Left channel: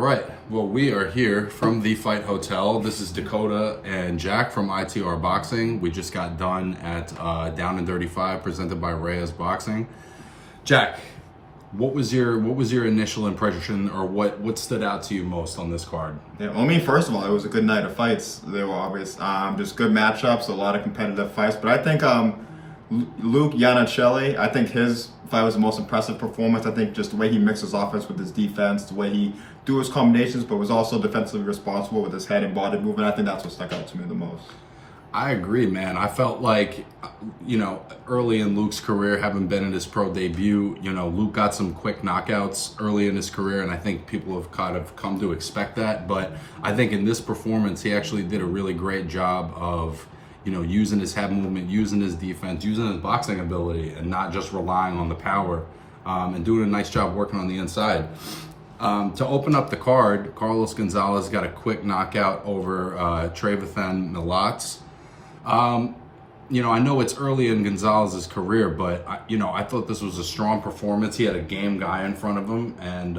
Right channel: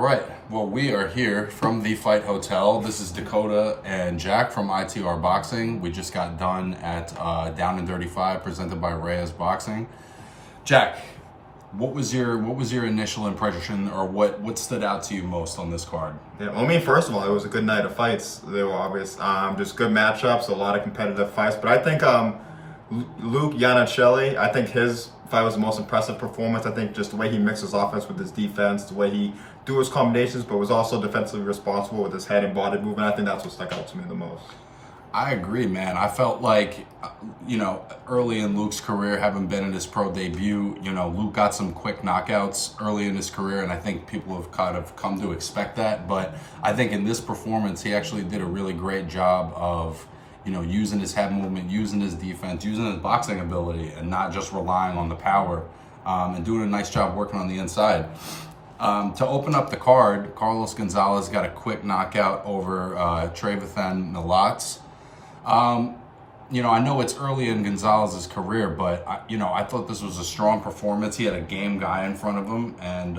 All right. Well, we are here from the Fight Hotel. This is Dakota and Jack from ITRBoxing. We just got done at Down and Dirty 5, presented by Reyes Boxing. Jack, what was your initial impression, or what stood out to you most on this card? Yeah, I mean, first of all, it was a good night of fights. They were obvious, just good matchups, a lot of competitive fights. But I think Luke Iannuccilli, I think his fight was the most impressive performance. I think just the way he mixed his offense with his defense, the way he do his combinations, but was also defensively responsible with his head and body movement. I think that's what stuck out to me the most. I agree, man. I felt like, early in Luke's career, having been in his pro debut, Luke got some quick knockouts early in his career, and I think people have kind of come to expect that. But I think in this performance, he actually did a really great job of, using his head movement, using his defense, using his boxing ability, and not just relying on the power, and doing a nice job working on the inside. To open up the card, Carlos Gonzalez got a quick knockout over Trevathan Milats. I know it's early in Gonzalez's career, but I thought this was a strong performance. He had a game guy in front of him, and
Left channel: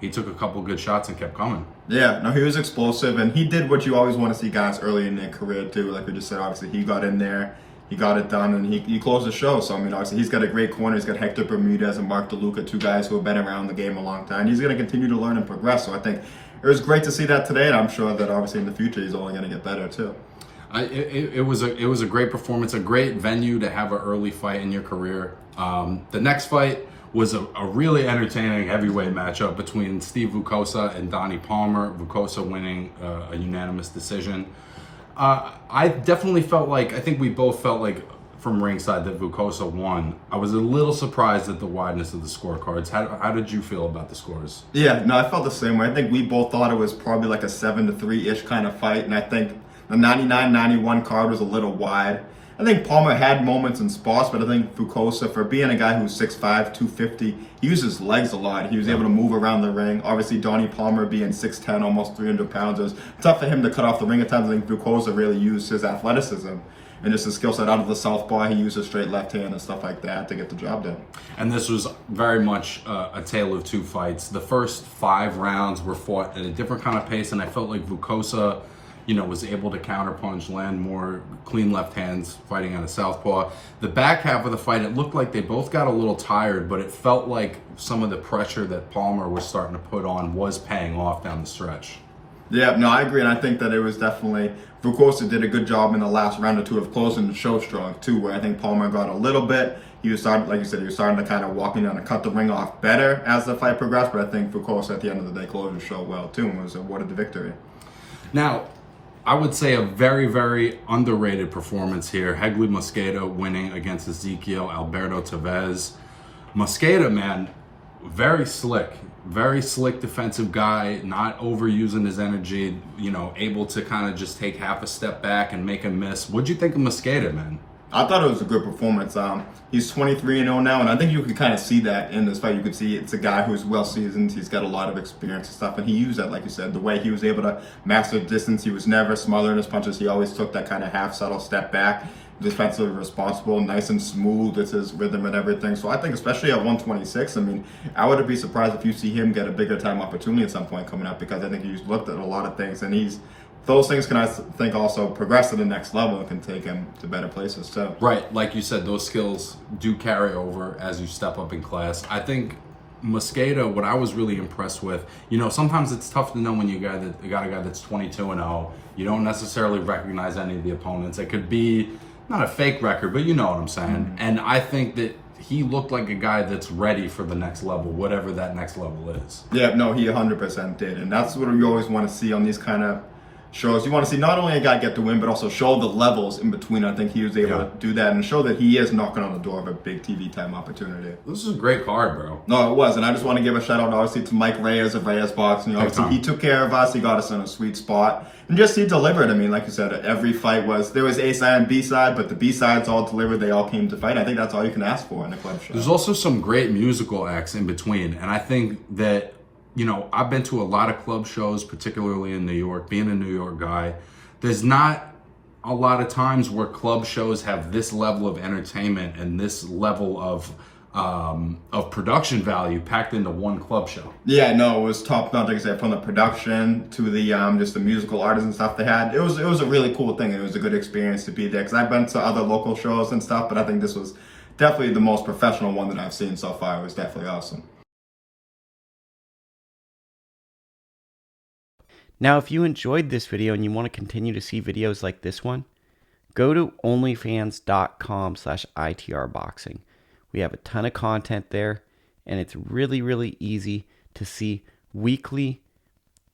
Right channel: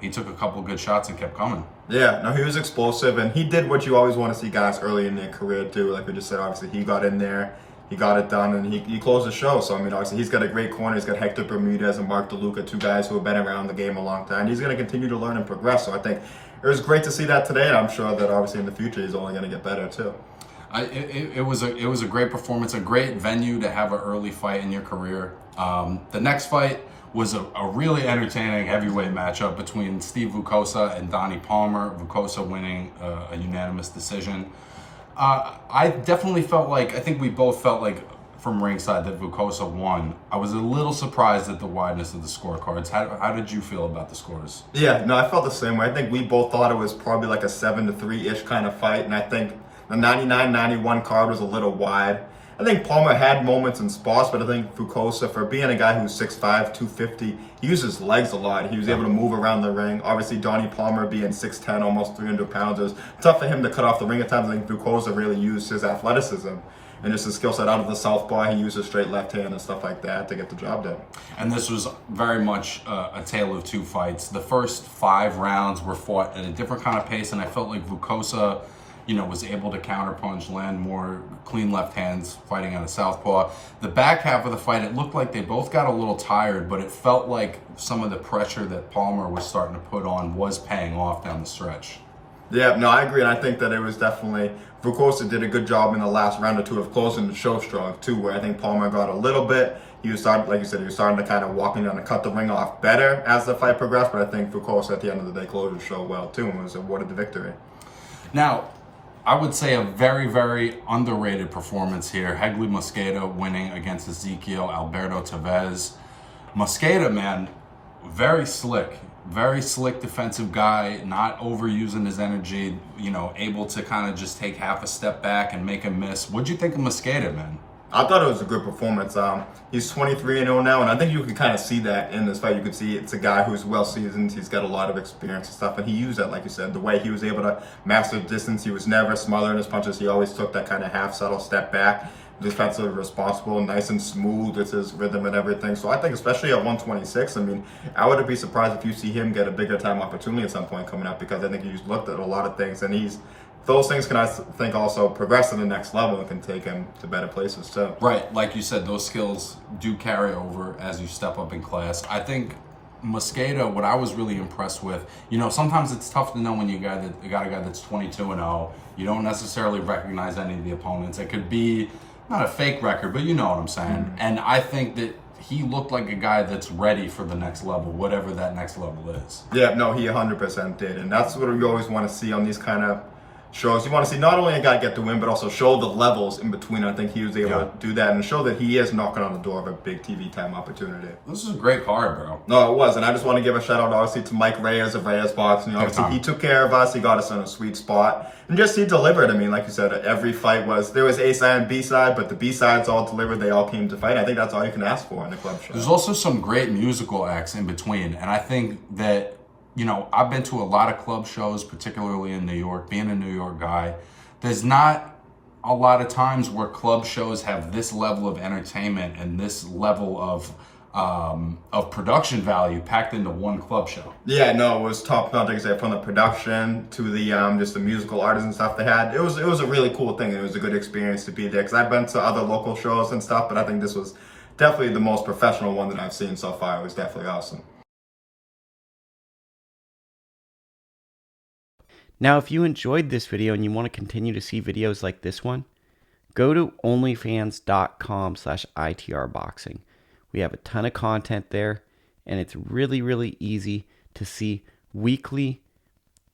he took a couple good shots and kept coming. Yeah, no, he was explosive, and he did what you always want to see guys early in their career do. Like we just said, obviously he got in there, he got it done, and he closed the show. So I mean, obviously he's got a great corner. He's got Hector Bermudez and Mark DeLuca, two guys who have been around the game a long time. He's going to continue to learn and progress. So I think it was great to see that today, and I'm sure that obviously in the future he's only going to get better too. It was a great performance, a great venue to have an early fight in your career. The next fight was a really entertaining heavyweight matchup between Steve Vukosa and Donnie Palmer. Vukosa winning a unanimous decision. I definitely felt like, I think we both felt like from ringside that Vukosa won. I was a little surprised at the wideness of the scorecards. How did you feel about the scores? Yeah, no, I felt the same way. I think we both thought it was probably like a 7-3-ish kind of fight, and I think the 99-91 card was a little wide. I think Palmer had moments and spots, but I think Vukosa, for being a guy who's 6'5", 250, he used his legs a lot. He was able to move around the ring. Obviously, Donnie Palmer being 6'10", almost 300 pounds, it was tough for him to cut off the ring at times. I think Vukosa really used his athleticism and just his skill set out of the southpaw. He used his straight left hand and stuff like that to get the job done. And this was very much a tale of two fights. The first 5 rounds were fought at a different kind of pace, and I felt like Vukosa was able to counterpunch, land more clean left hands fighting on a southpaw. The back half of the fight, it looked like they both got a little tired, but it felt like some of the pressure that Palmer was starting to put on was paying off down the stretch. Yeah, no, I agree, and I think that it was definitely, Vukosa did a good job in the last round or two of closing the show strong too, where I think Palmer got a little bit. He was starting, like you said, he was starting to kind of walking down and cut the ring off better as the fight progressed, but I think Vukosa at the end of the day closed the show well too and was awarded the victory. Now, I would say a very, very underrated performance here. Hegly Mosqueda winning against Ezequiel Alberto Tevez. Mosqueda, man, very slick defensive guy, not overusing his energy, able to kind of just take half a step back and make a miss. What'd you think of Mosqueda, man? I thought it was a good performance. He's 23-0 now, and I think you can kind of see that in this fight. You could see it's a guy who's well-seasoned. He's got a lot of experience and stuff, and he used that, like you said, the way he was able to master distance. He was never smothering his punches. He always took that kind of half-subtle step back, defensively responsible, nice and smooth with his rhythm and everything. So I think especially at 126, I mean, I wouldn't be surprised if you see him get a bigger time opportunity at some point coming up, because I think he's looked at a lot of things, and those things can, I think, also progress to the next level and can take him to better places too. Right, like you said, those skills do carry over as you step up in class. I think Mosqueda, what I was really impressed with, sometimes it's tough to know when you got a guy that's 22-0. You don't necessarily recognize any of the opponents. It could be not a fake record, but you know what I'm saying. Mm-hmm. And I think that he looked like a guy that's ready for the next level, whatever that next level is. Yeah, no, he 100% did, and that's what we always want to see on these kind of shows. You want to see not only a guy get the win, but also show the levels in between. I think he was able to do that and show that he is knocking on the door of a big TV time opportunity. This is a great card, bro. No, it was, and I just want to give a shout out, obviously, to Mike Reyes of Reyes Boxing. Obviously, he took care of us. He got us in a sweet spot, and just he delivered. I mean, like you said, every fight there was A side and B side, but the B sides all delivered. They all came to fight. I think that's all you can ask for in the club show. There's also some great musical acts in between, and I think that I've been to a lot of club shows, particularly in New York. Being a New York guy, there's not a lot of times where club shows have this level of entertainment and this level of of production value packed into one club show. Yeah, no, it was top notch. Like I said, from the production to the just the musical artists and stuff they had. It was a really cool thing. It was a good experience to be there because I've been to other local shows and stuff, but I think this was definitely the most professional one that I've seen so far. It was definitely awesome. Now, if you enjoyed this video and you want to continue to see videos like this one, go to onlyfans.com/ITRBoxing. We have a ton of content there, and it's really, really easy to see weekly,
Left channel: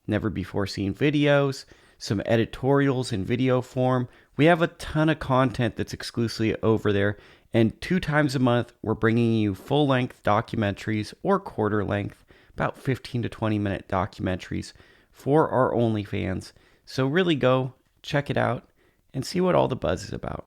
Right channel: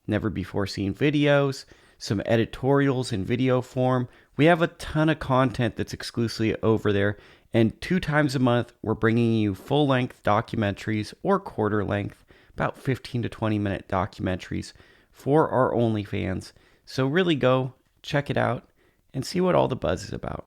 never before seen videos, some editorials in video form. We have a ton of content that's exclusively over there, and 2 times a month, we're bringing you full-length documentaries or quarter-length, about 15 to 20-minute documentaries for our OnlyFans. So really go, check it out, and see what all the buzz is about.